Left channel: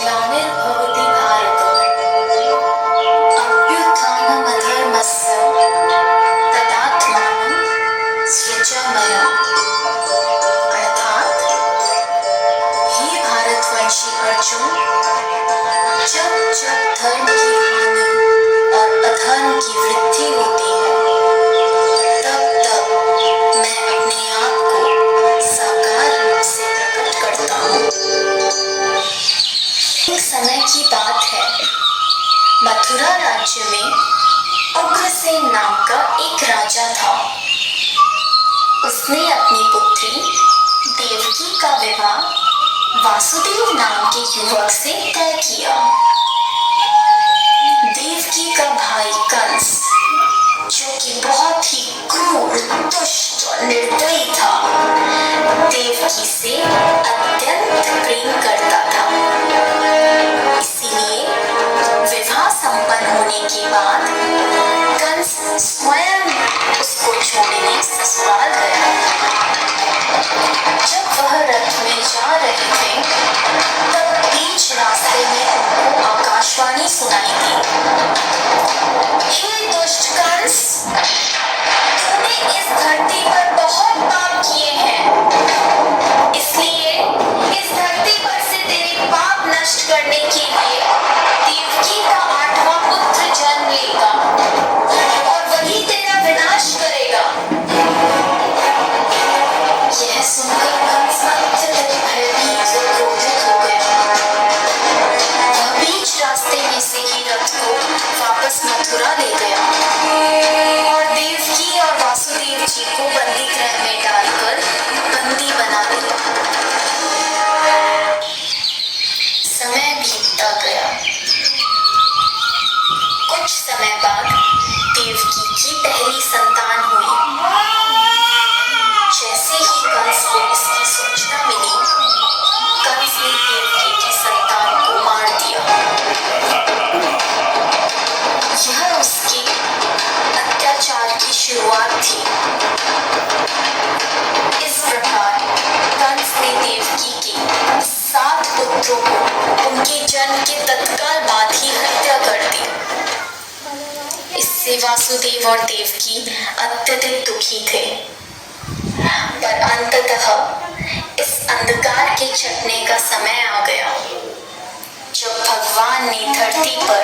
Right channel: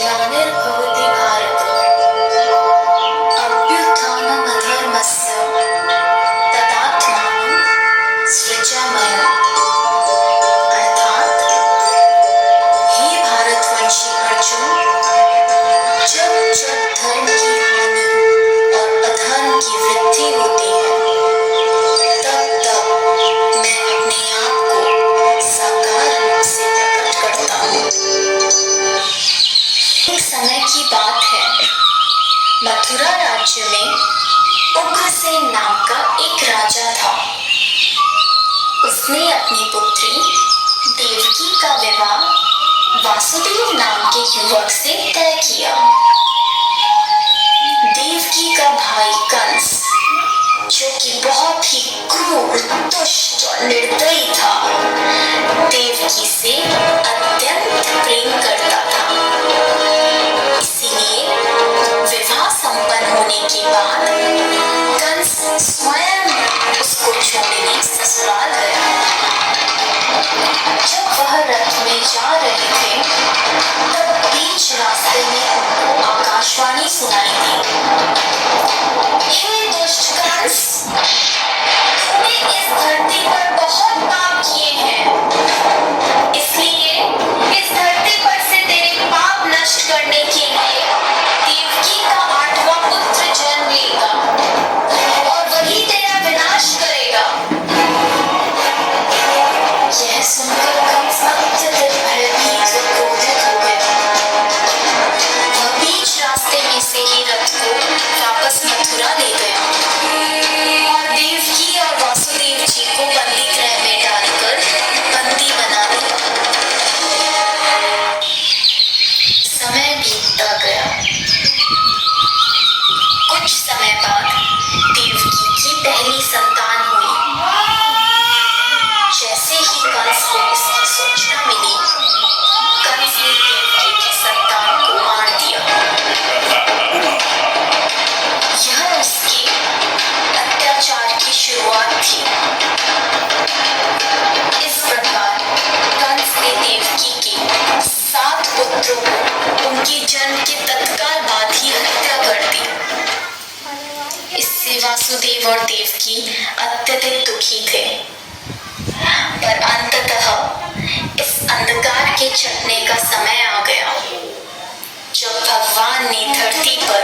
ग्लानिर्भवति भारत अभ्युत्थानमधर्मस्य तदात्मानं सृजाम्यहम्। अर्थात हे भारतवंशी अर्जुन, जब जब धर्म की हानि और अधर्म की वृद्धि होती है, तब तब मैं अपने आप को साकार रूप से प्रकट करता हूँ। एक समय की बात है, मथुरा राज्य में उग्रसेन नाम का एक राजा था। उसने अपनी पुत्री देवकी का विवाह वासुदेव नाम के युवक से तय किया। देवकी का भाई कंस, जो कि बहुत ही क्रूर, दुष्ट और निर्दयी था, देवकी से अत्यंत प्रेम करता था। इसीलिए विवाह संपन्न होने के बाद कंस स्वयं उसको छोड़ने ससुराल गया। जब वह रथ में जा रहे थे, तब बीच रास्ते में उनको आकाशवाणी सुनाई दी। हे दुष्ट कंस, तूने इस धरती पर बहुत पाप किए हैं, इसलिए इस धरती पर से तेरे पाप नष्ट करने के लिए देवकी का 8वां पुत्र जन्म लेगा और वही तेरा विनाश करेगा। यह सुनकर कंस अत्यधिक भयभीत व क्रोधित हो गया। वह बीच रास्ते में से ही रथ को वापस मथुरा ले गया और देवकी और वासुदेव जी को बंदी गृह में डालकर बंदी बना लिया। समय बीतता गया। कुछ समय बाद देवकी की पहली संतान हुई। जैसे ही कंस को इसकी सूचना मिली, कंस ने देवकी की संतान को मार दिया। यह उसके अत्याचार की शुरुआत थी। इस प्रकार कंस ने देवकी के 7 पुत्रों को उनके जन्म के तत्काल बाद ही हत्या कर दी। इससे वासुदेव और देवकी अत्यधिक दुखी थे। पर अंततः इस अंधकार के छटने का समय आ गया, जब भगवान ने धरती पर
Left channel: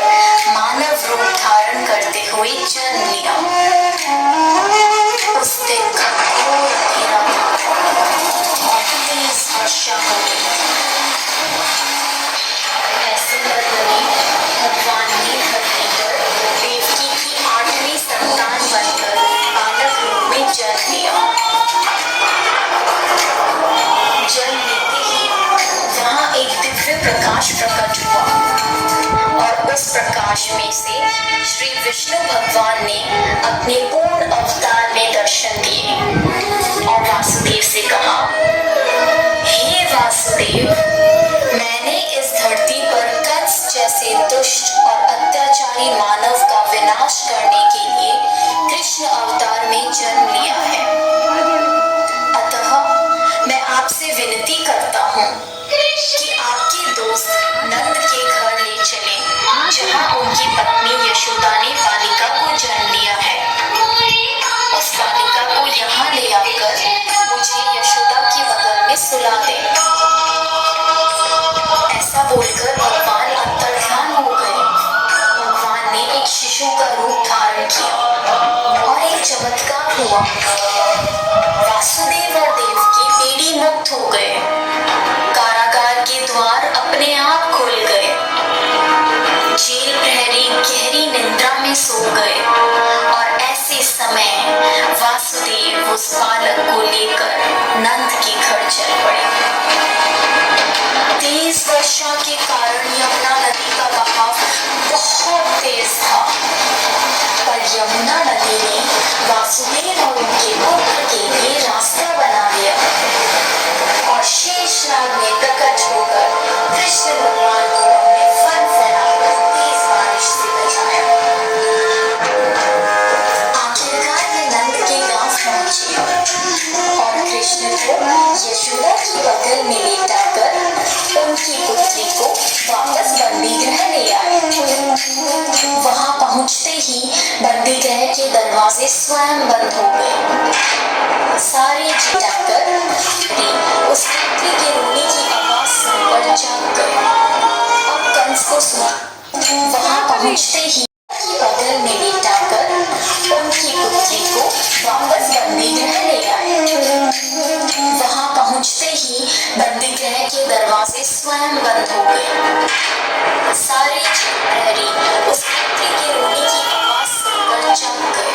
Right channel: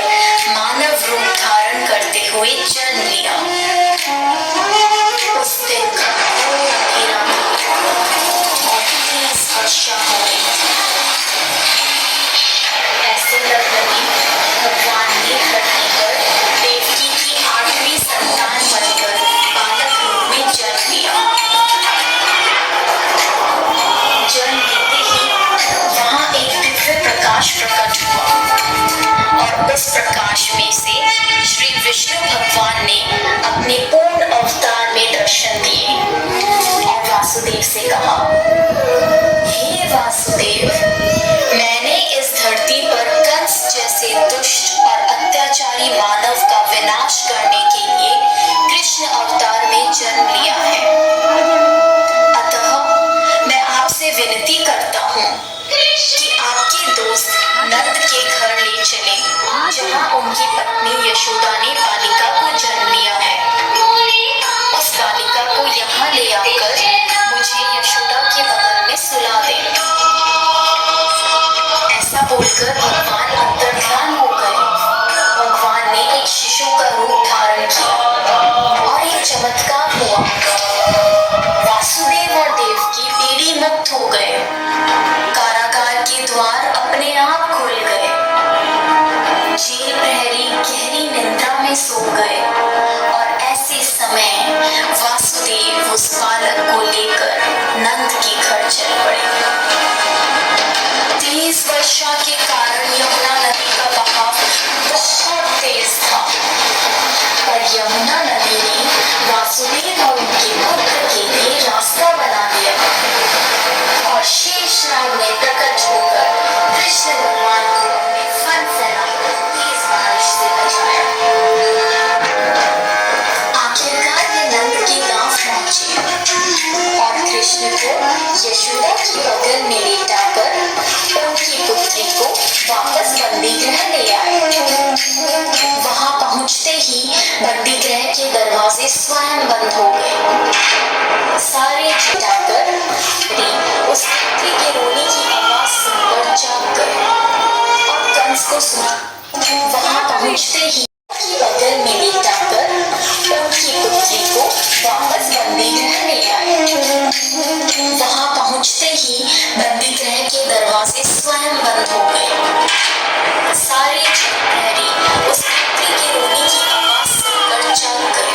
मानव रूप धारण करते हुए जन्म लिया। उस दिन घोर अंधेरा था और तेज वर्षा हो रही। ऐसे लग्न में भगवान ने धरती पर देवकी की 8वीं संतान बनकर बालक रूप में जन्म लिया। जन्म लेते ही वहां एक दिव्य प्रकाश प्रकट हुआ और उस प्रकाश में से श्री विष्णु भगवान ने अपने पूर्ण अवतार में दर्शन दिए और वासुदेव से कहा, हे वासुदेव, मैंने इस धरती पर कंस जैसे दुष्ट और अत्याचारी मानव का विनाश करने के लिए कृष्ण अवतार में जन्म लिया है। अतः मैं आपसे विनती करता हूँ कि आपके दोस्त नंद के घर ले चलें, जहाँ उनकी पत्नी यशोदा ने बालिका को जन्म दिया है। उस बालिका को यहाँ ले आकर मुझे यशोदा के बगल में सुला दें। ऐसा बोलकर भगवान अंतर्ध्यान हो गए। भगवान ने एक शिशु का रूप धारण किया और एक चमत्कार हुआ। वासुदेव और देवकी पीढ़ी मुक्त हो गए। कारागार के द्वार अपने आप खुल गए। जेल प्रहरी गहरी निद्रा में सो गए और ऐसे समय वासुदेव उस बालक को लेकर नंद के घर चल पड़े। तेज वर्षा के कारण यमुना नदी का बहाव बहुत तेज था, पर यमुना नदी ने वासुदेव और उनके पुत्र के लिए रास्ता बना दिया और शेषनाग ने प्रकट होकर कृष्ण भगवान को अपने फन फैलाकर तेज बारिश से बचाया। आखिरकार वे नंद के गांव पहुंचे और कृष्ण को यशोदा की बगल में लेटाकर उनकी पुत्री को वापस बंदी गृह ले आए। वहां पहुंचते ही बंदी गृह के दरवाजे स्वयं बंद हो गए। सारे जाकर उस व्यक्ति के रोने की आवाज सुनकर जाग गए और कंस को सुना। वहां पहुंचते ही बगल में लेटाकर उनकी पुत्री को वापस बंदी गृह ले आए। वहां पहुंचते ही बंदी गृह के दरवाजे स्वयं बंद हो गए। सारे प्रहरी उस व्यक्ति के रोने की आवाज सुनकर जाग गए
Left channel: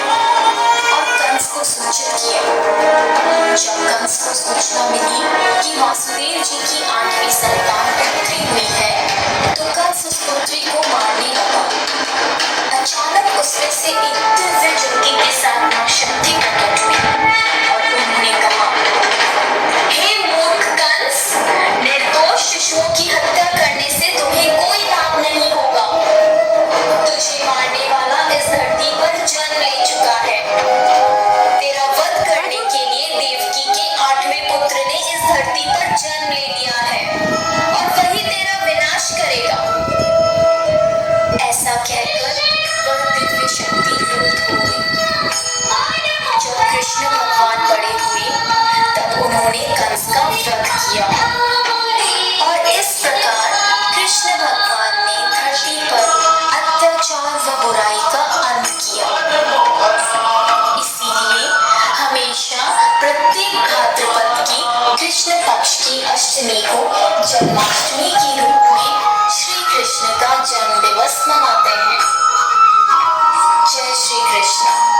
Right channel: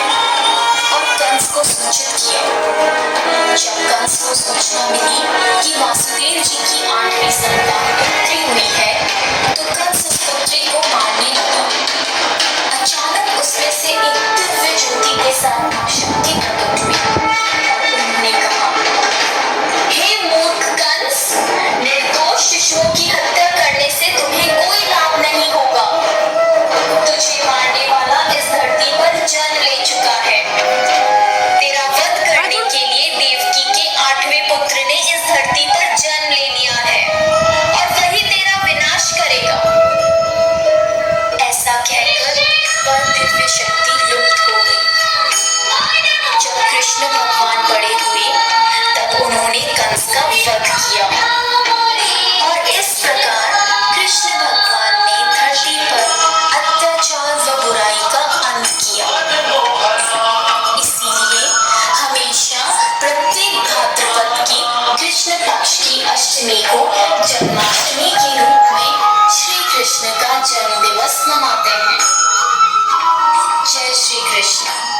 और कंस को सूचित किया। जब कंस को सूचना मिली कि वासुदेव जी की 8वीं संतान पुत्री हुई है, तो कंस उस पुत्री को मारने लगा। अचानक उसमें से एक दिव्य ज्योति के साथ मां शक्ति प्रकट हुई और उन्होंने कहा, हे मूर्ख कंस, निर्दोष शिशुओं की हत्या करने से तुम्हें कोई लाभ नहीं होगा। तुझे मारने वाला इस धरती पर जन्म ले चुका है। तेरा वध करने के लिए देवकी के 8वें पुत्र ने इस धरती पर जन्म ले लिया है और वही तेरा विनाश करेगा। ऐसा कहकर वह दिव्य शक्ति लुप्त हो गई। जब कृष्ण भगवान बड़े हुए तब उन्होंने कंस का वध किया और इस प्रकार कृष्ण भगवान ने धरती पर अत्याचार व बुराई का अंत किया। इसीलिए हमेशा प्रत्येक भाद्रपद की कृष्ण पक्ष की अष्टमी को जन्माष्टमी के रूप में श्री कृष्ण का जन्म दिवस मनाते हैं। जय श्री कृष्ण।